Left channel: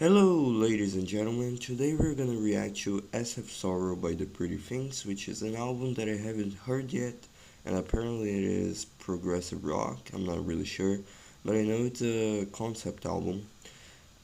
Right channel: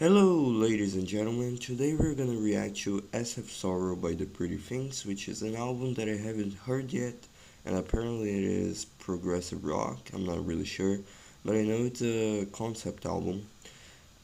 Hello, ladies and gentlemen. Today we're gonna react to SF Sorrow by The Pretty Things, which is an album that I haven't heard yet, and apparently it is progressive rock. I'm not really sure, but I know it's a concept album.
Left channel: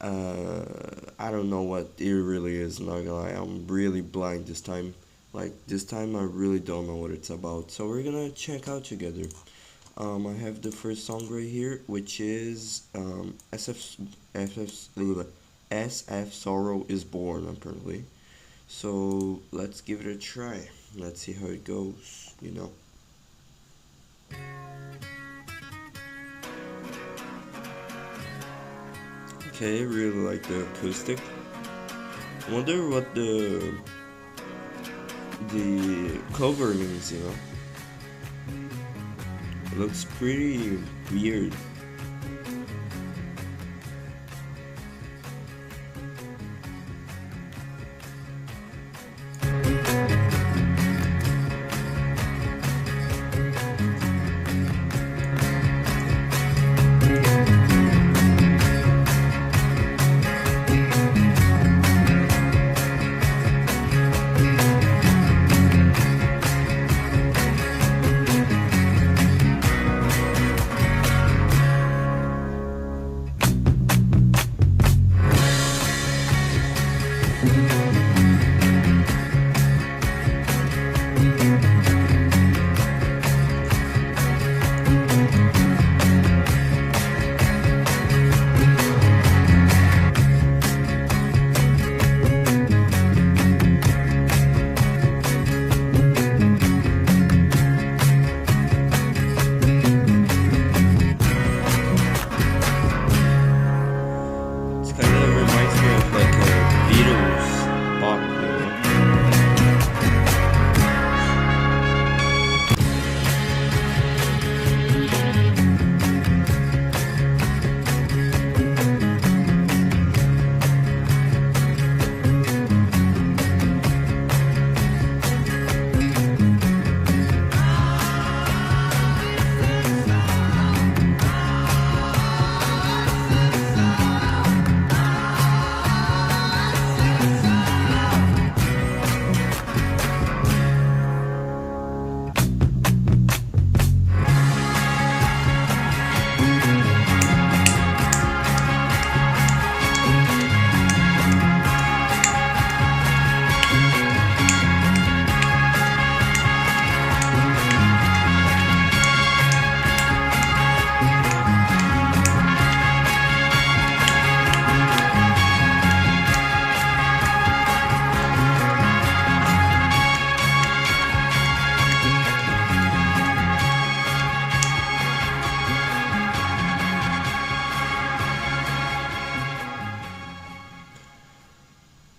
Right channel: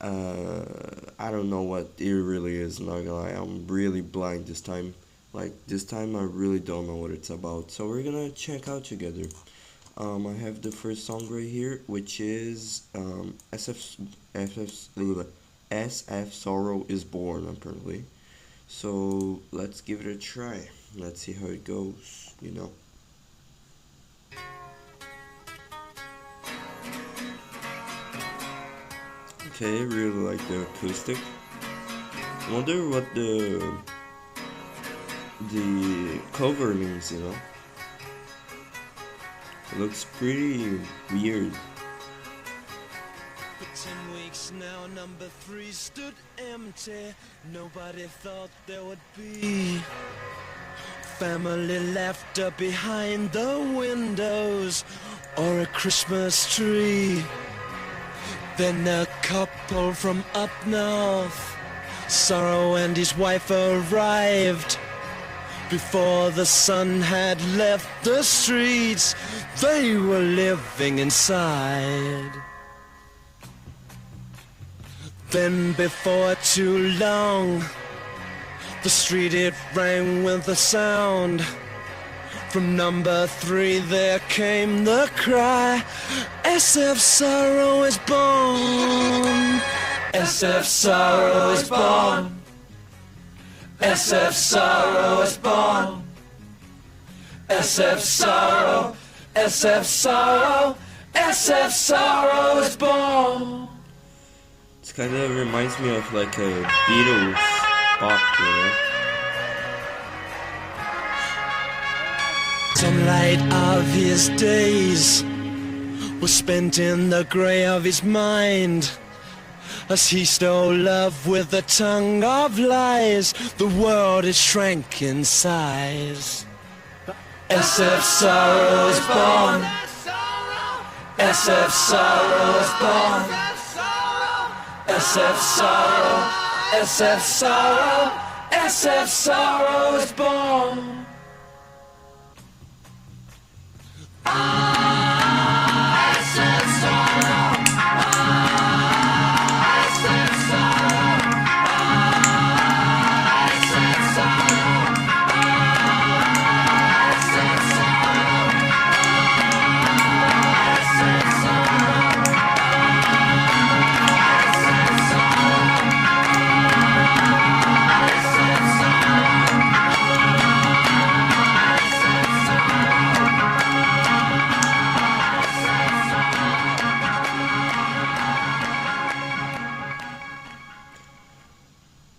I don't know what it really is, not gonna lie. I'm really blind this time. Like, this time I really don't know what it's about, so we're gonna check out together. I have the first song right here, which is SF Sorrow is Born, apparently. So let's give it a try. Let's see how it goes. Okay, really like the acoustic. I wonder what the cover means. It looks pretty weird. Family laughter behind the windows or a Christmas tree. Then a couple from fnaf, Sorrow and his wife arrived before the sun had left the streets. They were living inside. Then before too long, the street it rang with a sound. From number 3 there came the cry, SF Sorrow is born. SF Sorrow is born. SF Sorrow is born. SF Sorrow, SF Sorrow, SF Sorrow is born. This kind of reminds me of like a Beatles pop. Sunlight of his days was spent in the grey of his mind, as he stole love with the tongue of lies. The world is shrank in size. SF Sorrow is born. SF Sorrow is born. SF Sorrow, SF Sorrow, SF Sorrow is born.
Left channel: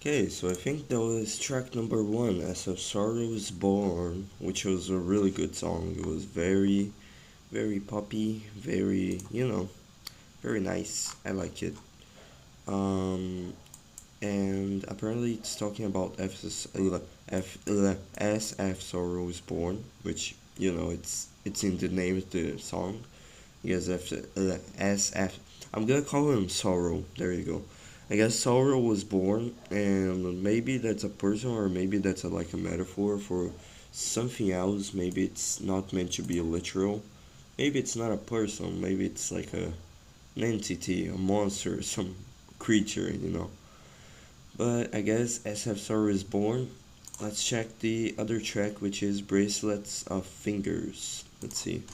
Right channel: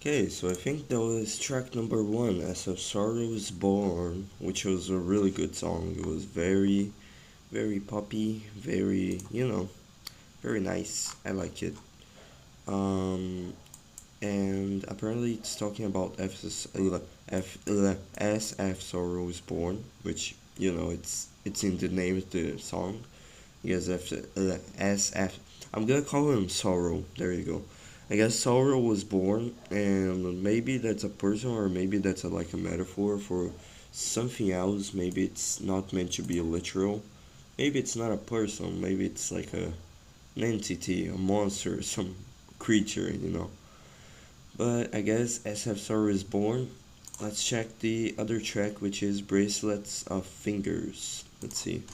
Okay, so I think that was track number 1, SF Sorrow is Born, which was a really good song. It was very, very poppy, very nice. I like it. And apparently it's talking about SF Sorrow is Born, which it's in the name of the song. Yes, SF. I'm gonna call him Sorrow. There you go. I guess Sorrow was born, and maybe that's a person, or maybe that's like a metaphor for something else. Maybe it's not meant to be literal. Maybe it's not a person. Maybe it's like an entity, a monster, some creature. But I guess SF Sorrow is born. Let's check the other track, which is Bracelets of Fingers. Let's see.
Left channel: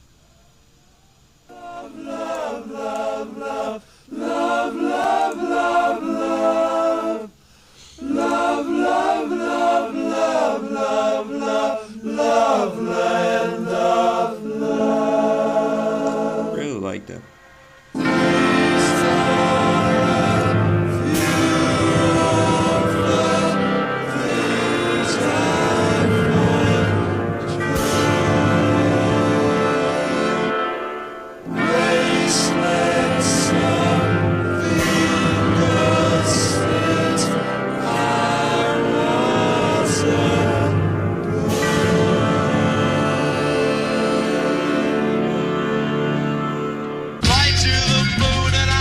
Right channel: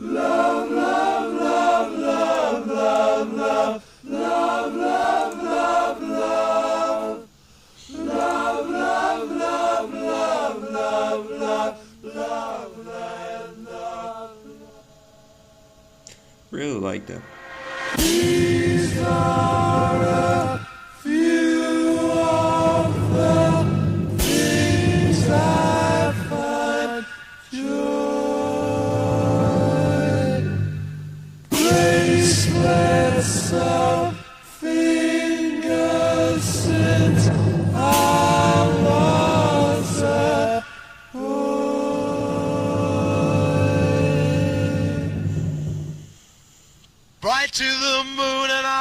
Love, love, love, love, love, love, love, love, love, love. Love, love, love, love, love, love, love, love. Really like that. Fly to the moon and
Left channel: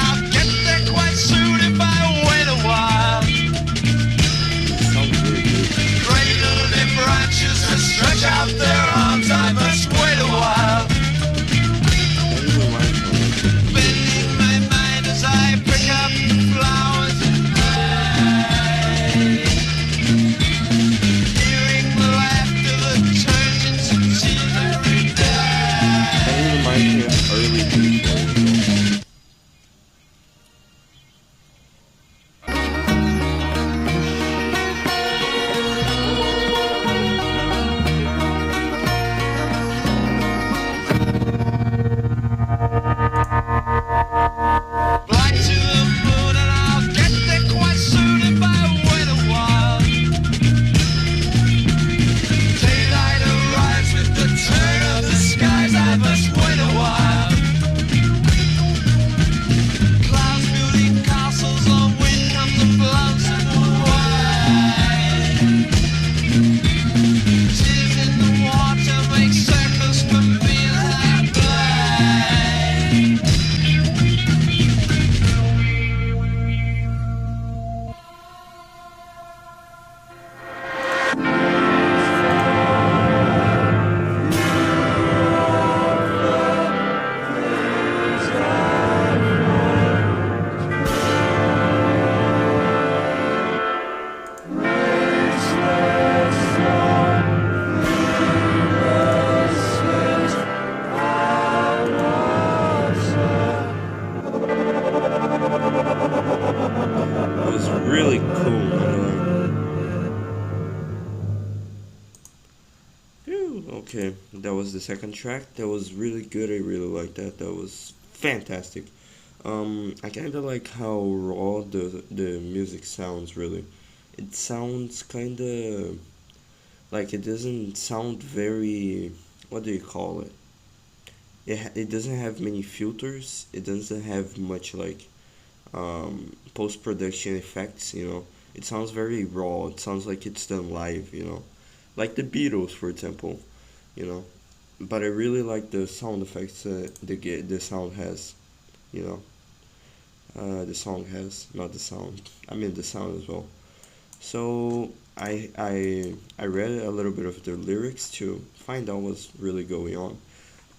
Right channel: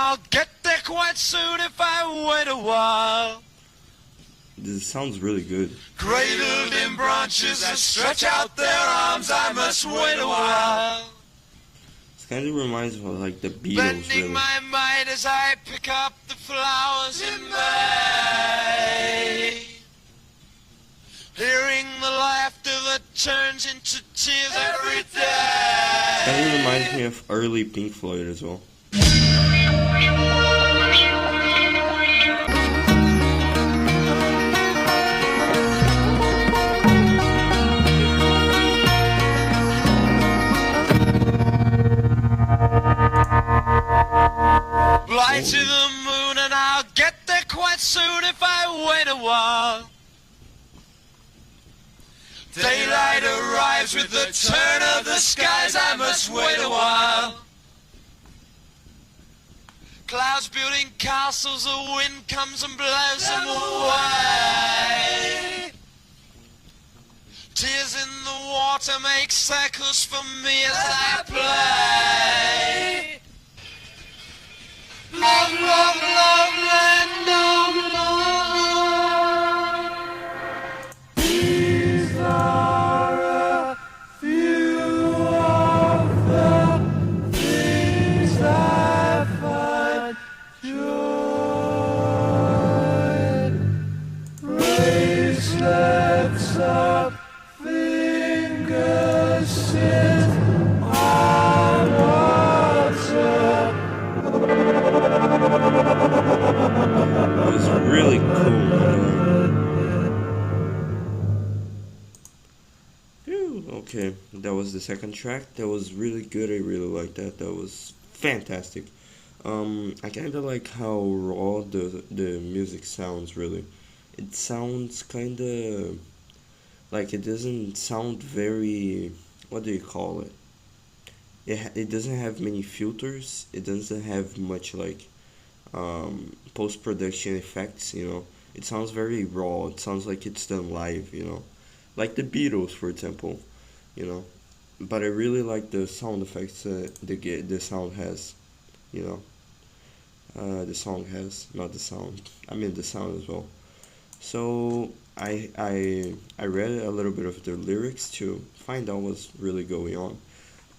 was the second track. That was really good. I really liked that. That was fantastic. I kind of like how raw the music sounds. Really, it sounds kind of like it doesn't sound very. What do you call it? It doesn't have many filters. It doesn't have much like post production effects. It sounds very raw. It sounds like it's done live. Like the Beatles, for example. You know, but I really like the sound effects the sound has. You know, the song has, not the sound. I mean the sound as well. So I read a little bit of the lyrics to find out what's really going on,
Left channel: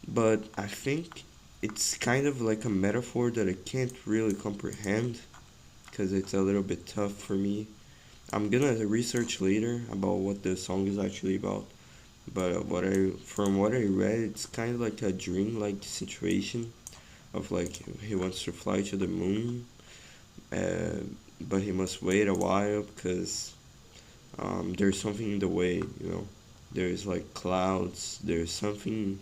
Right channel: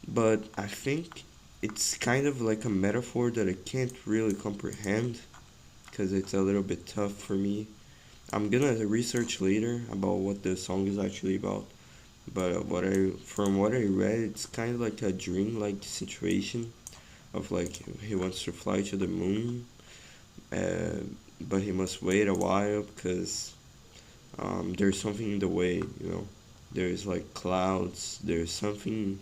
but I think it's kind of like a metaphor that I can't really comprehend because it's a little bit tough for me. I'm gonna research later about what the song is actually about, but from what I read, it's kind of like a dream-like situation of like he wants to fly to the moon, uh, but he must wait a while because there's something in the way. There's like clouds. There's something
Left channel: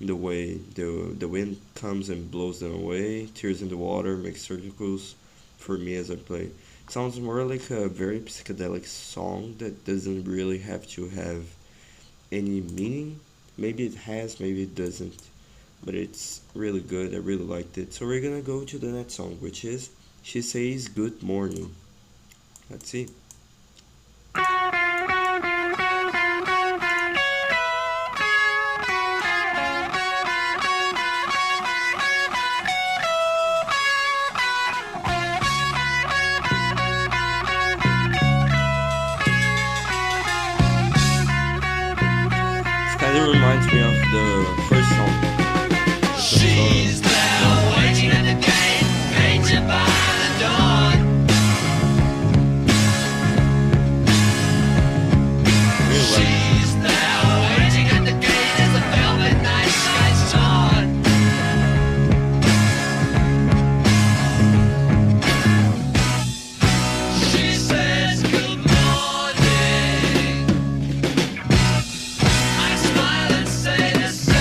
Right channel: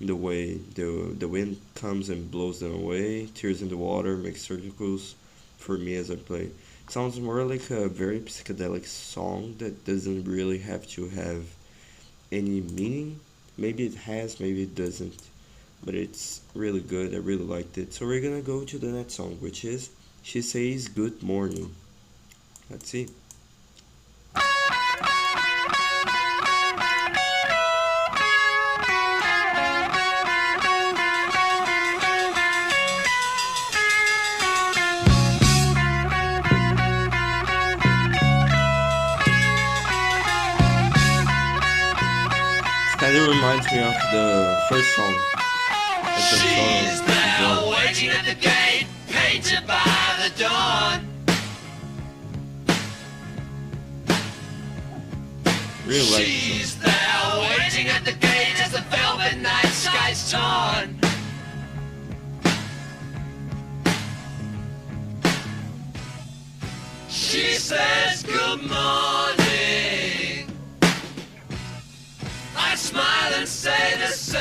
in the way. The wind comes and blows them away. Tears in the water makes circles for me as I play. Sounds more like a very psychedelic song that doesn't really have to have any meaning. Maybe it has, maybe it doesn't. But it's really good. I really liked it. So we're gonna go to the next song, which is She Says Good Morning. Let's see. Kind of reminds me of the first song. She's there waiting at the gate, painted by the dawn. Really like She's there waiting at the gate as the velvet night sky's torn. She says good morning. I smile and say the same.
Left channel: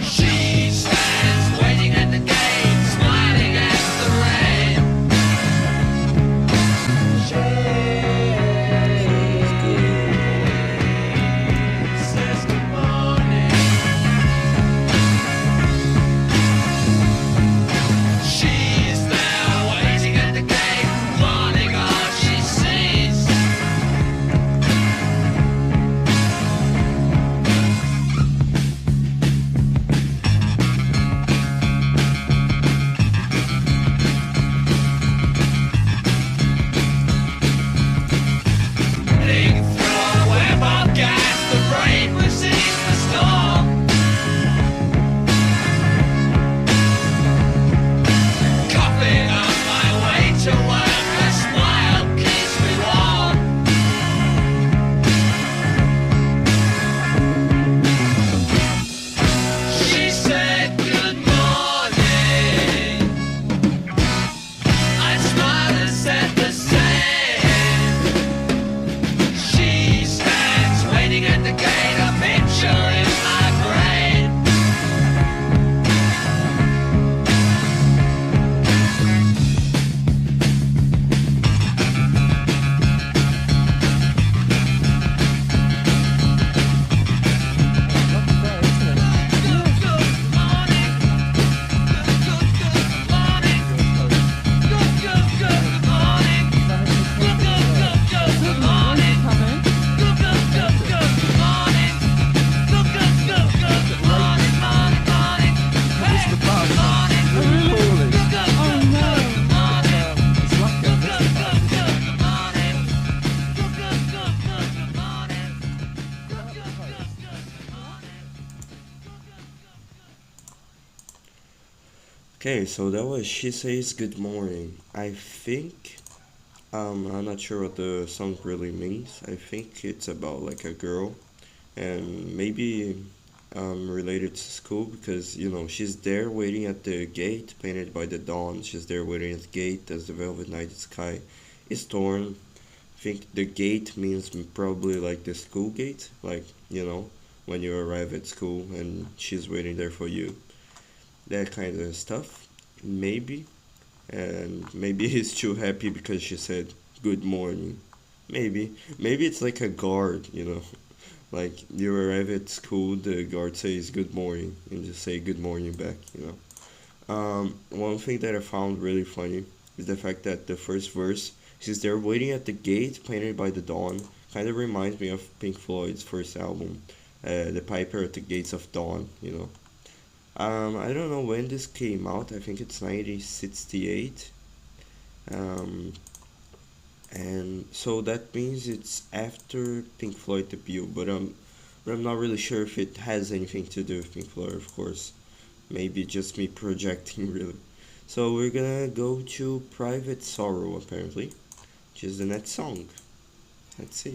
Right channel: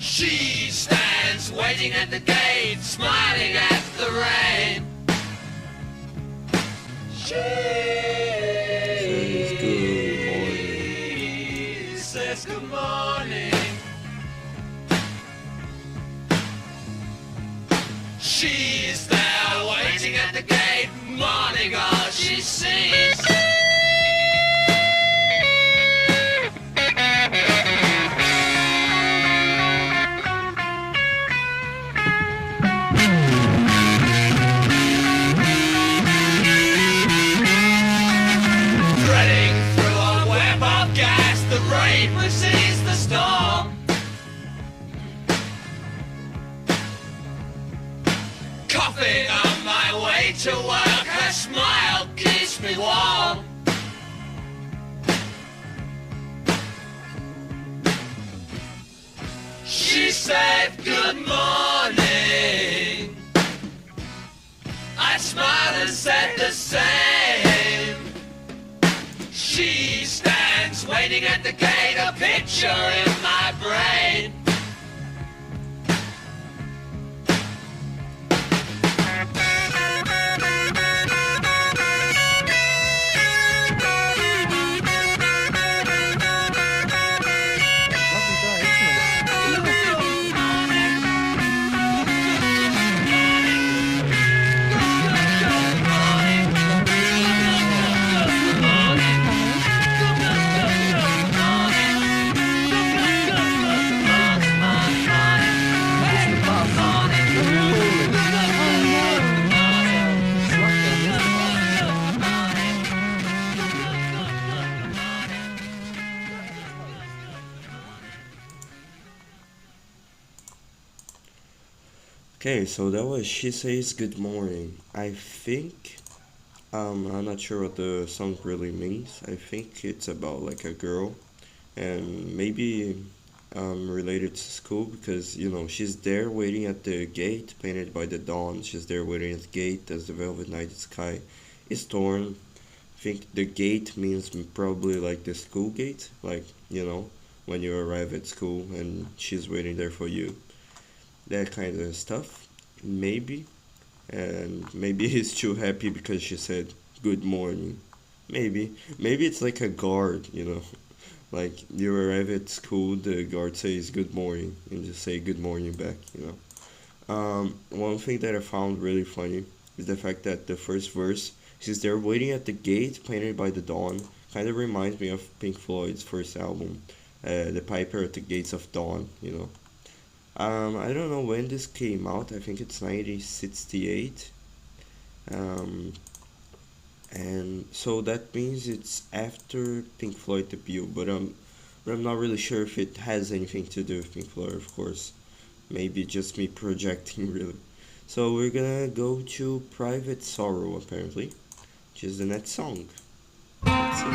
She stands waiting at the gate, smiling at the rain. Says good morning. She's there waiting at the gate, wanting all she sees. Threading through a web of gas, the rain precedes the storm. Coughing on my way to work, her smile keeps me warm. She said good morning. I smiled and said the same. She stands waiting at the gate, a picture in my brain. Okay, so that was She Says Good Morning. I think I'm not sure what the song really means. I think it's about like a girl and maybe related to school because she's there waiting at the gate painted by the dawn. She's there waiting at the gate as the velvet night sky is torn, think the gate means probably like the school gate, like, when you arrive at school and she's waiting there for you. That kind of stuff, maybe. And maybe he's too happy because she said good morning. Maybe it's like a guard. Like you arrive at school, the guard says good morning, and just say good morning back. One thing that I found really funny is the fact that the first verse, since they're waiting at the gate, painted by the dawn, kind of reminds me of Pink Floyd's first album, The Piper at the Gates of Dawn. I don't know when this came out. I think it's 1968. And so that means it's after Pink Floyd debut, but I'm not really sure if it has anything to do with Pink Floyd, of course. Maybe just me projecting, really. So we're gonna go to Private Sorrow, apparently, which is the next song. Let's see.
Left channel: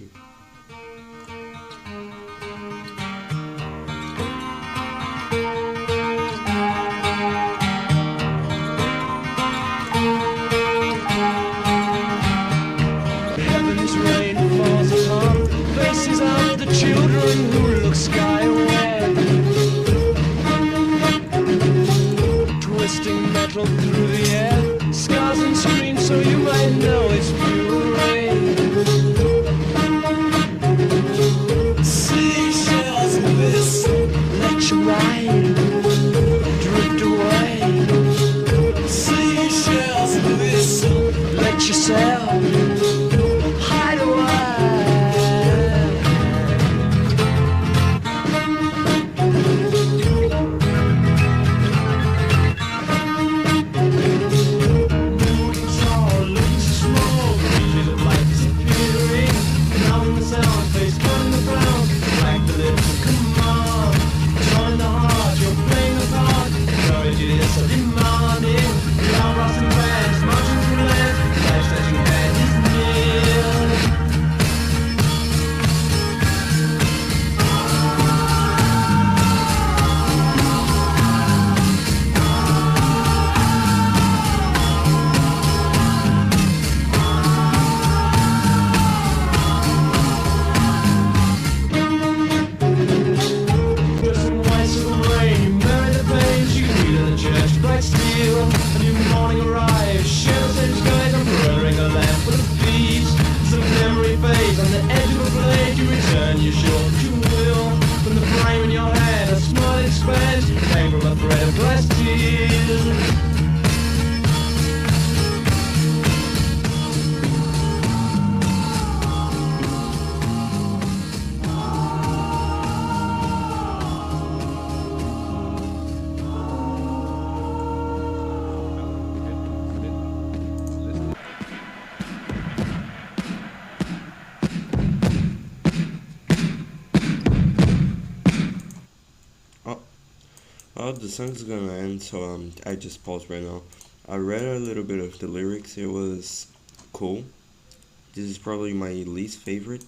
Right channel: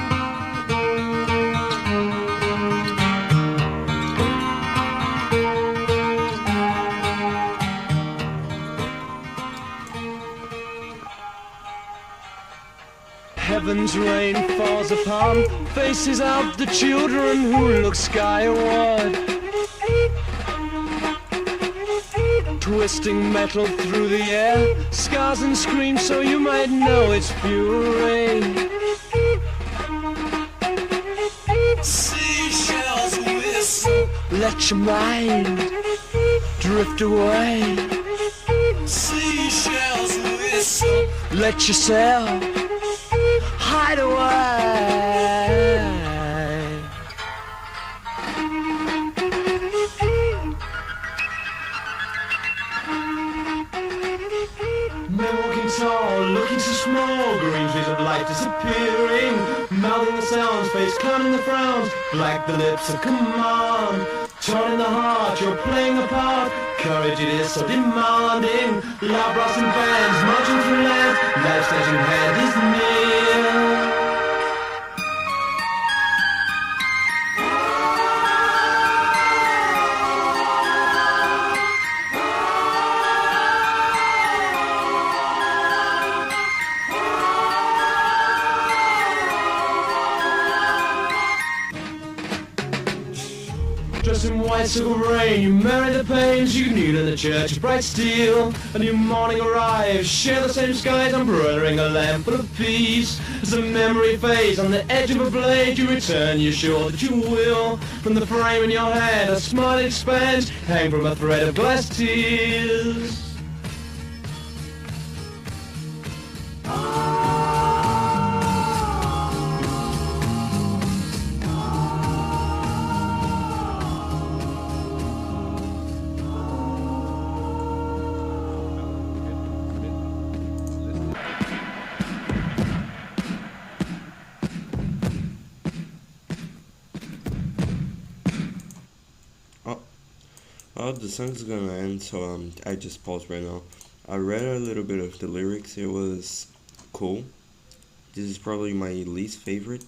Heaven's rain falls upon faces of the children who look skyward, twisting metal through the air, scars and screams so you might know it's pure rain. Seashells whistle, let your mind drift away. Seashells whistle, let yourself hide away. Looking tall, looking so small, green trees of light disappearing, mouthing the sounds, face counting the frowns, black the lips of command. Torn in the heart, you're playing a part. Courage it is so demanding. Loud rustling bands marching through land. Life's edging hand is near. Bicycle rain, you marry the pains you meet in the church, bright steel. A new morning arrives, share the same skies, embroidering a lamp full of peace. As a memory fades on the edge of a blade, you return, you're sure that you will. From the frame in your hand, a smile expands, hang from a thread of glass tears. Oh, the song's gonna end, so I just paused right now. I read a little bit of the lyrics. It was cool. This is probably my least favorite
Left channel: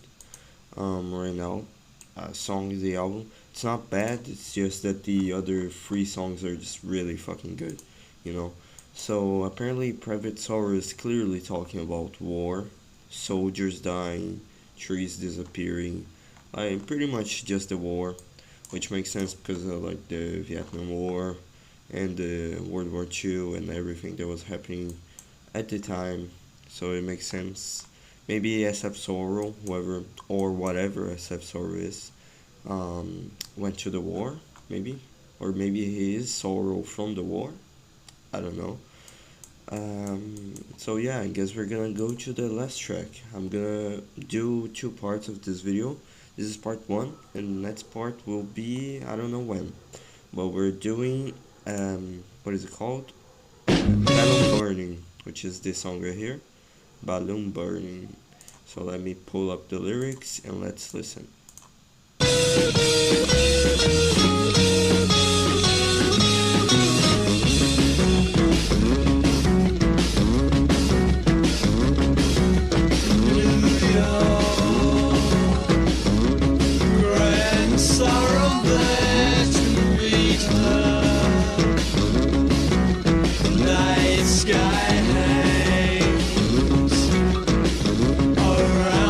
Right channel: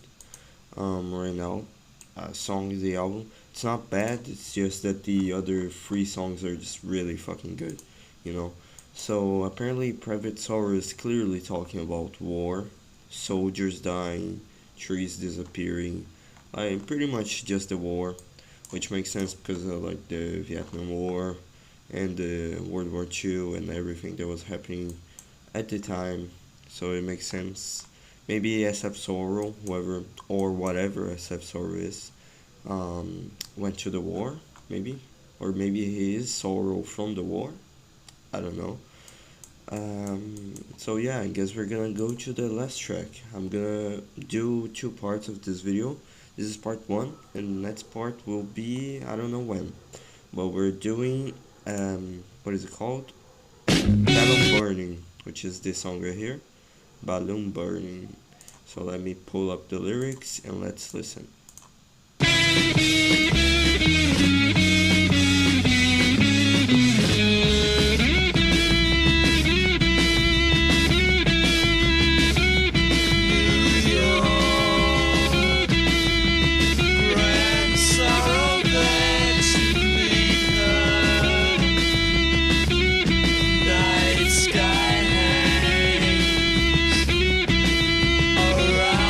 right now song in the album. It's not bad, it's just that the other three songs are just really fucking good. So apparently Private Sorrow is clearly talking about war, soldiers dying, trees disappearing, pretty much just the war, which makes sense because of like the Vietnam War and the World War II and everything that was happening at the time. So it makes sense. Maybe SF Sorrow, whoever or whatever SF Sorrow is, went to the war, maybe, or maybe he is Sorrow from the war. I don't know. So yeah, I guess we're gonna go to the last track. I'm gonna do two parts of this video. This is part 1, and the next part will be, I don't know when, but we're doing, what is it called? Balloon Burning, which is this song right here, Balloon Burning. So let me pull up the lyrics and let's listen. Sky hangs around.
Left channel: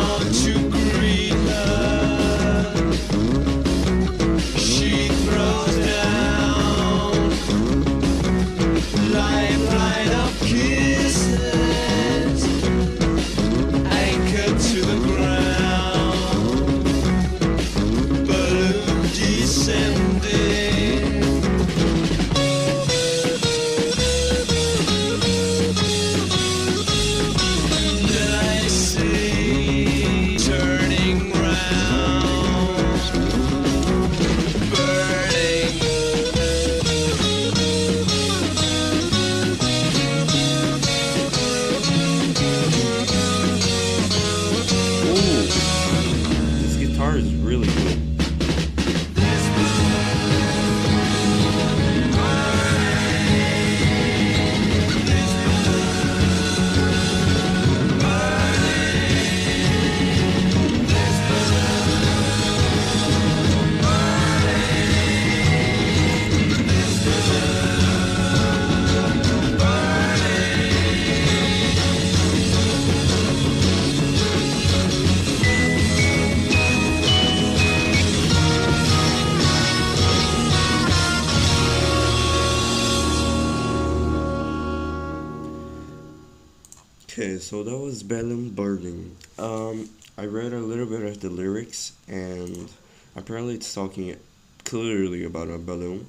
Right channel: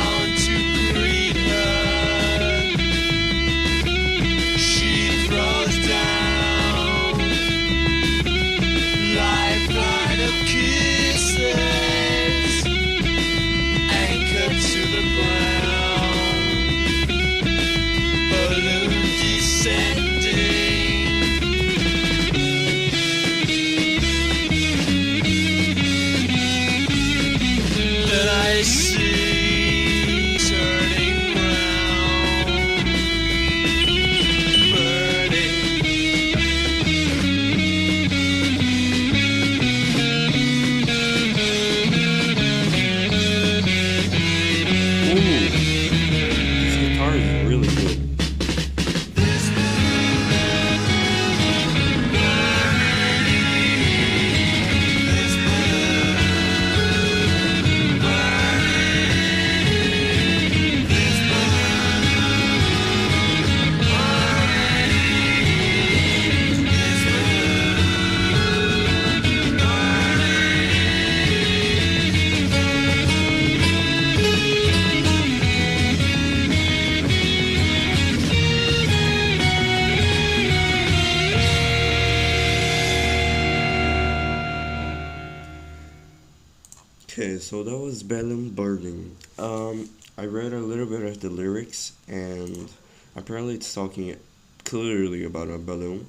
Okay, so that was Balloon Burning. I read a little bit of the lyrics, and apparently it's talking clearly about a balloon.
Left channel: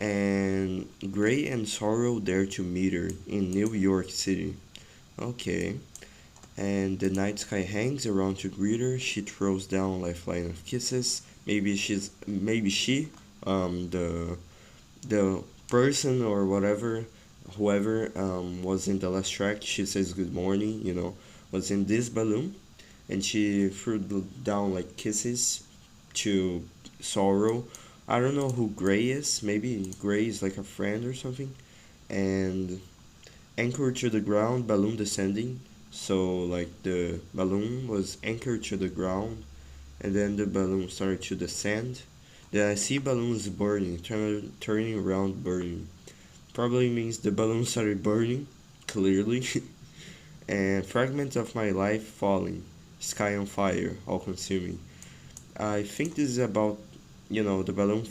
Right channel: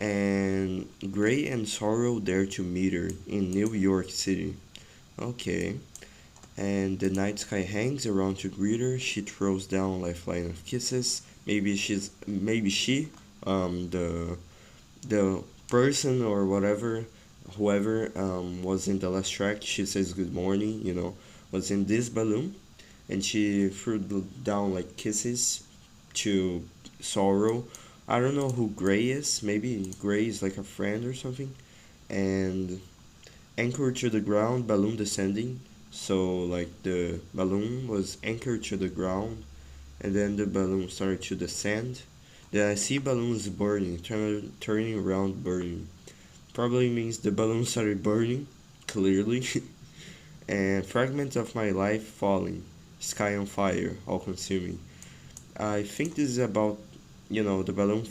And Gray and Sorrow dare to meet her in New York City. Okay. And the night sky hangs around to greet her. She throws down lifeline of kisses. Maybe she, the person or whatever, whoever was in the last track. She says good morning. Was in this balloon, and she threw down like kisses to Sorrow. I don't know who Gray is. Maybe Gray is like a friend or something. And anchored to the ground, balloon descending. So like the balloon was anchored to the ground, and then the balloon started to descend. Then I see balloons burning, turning around, burning. Probably means the balloon started burning, clearly. And fragments of my life falling, sky on fire, all consuming. I think this is about, the balloon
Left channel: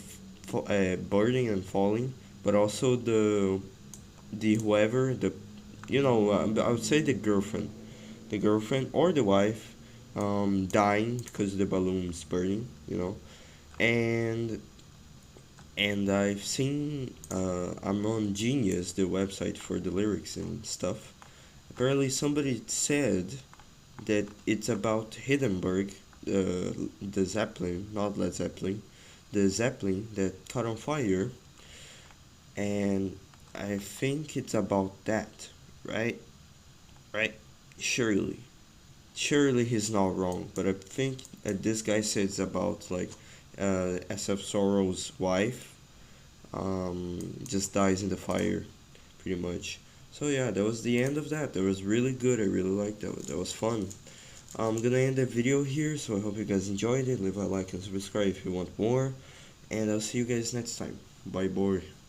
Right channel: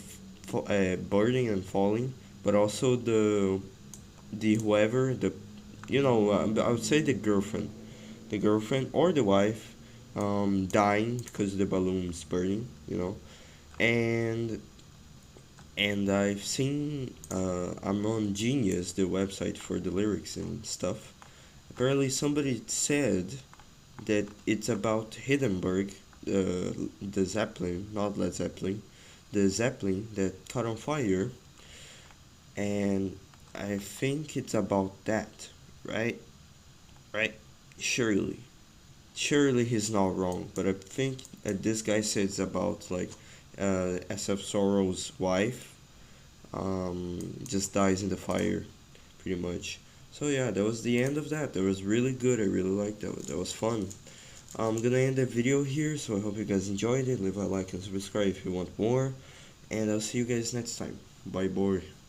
burning and falling, but also the whoever the I would say the girlfriend or the wife, dying because the balloon's burning, and I've seen, I'm on Genius, the website for the lyrics and stuff. Apparently somebody said that it's about Hindenburg, the Zeppelin, not Led Zeppelin, the Zeppelin that caught on fire, and I think it's about that, right? Right? Surely. Surely he's not wrong, but I think this guy says about like SF Sorrow's wife just dies in the fire, pretty much. So yeah, that was the end of that. That was really good. I really liked that. That was fun. I'm gonna end the video here, so I hope you guys enjoyed it. Leave a like and subscribe if you want more, and I'll see you guys next time. Bye, boy.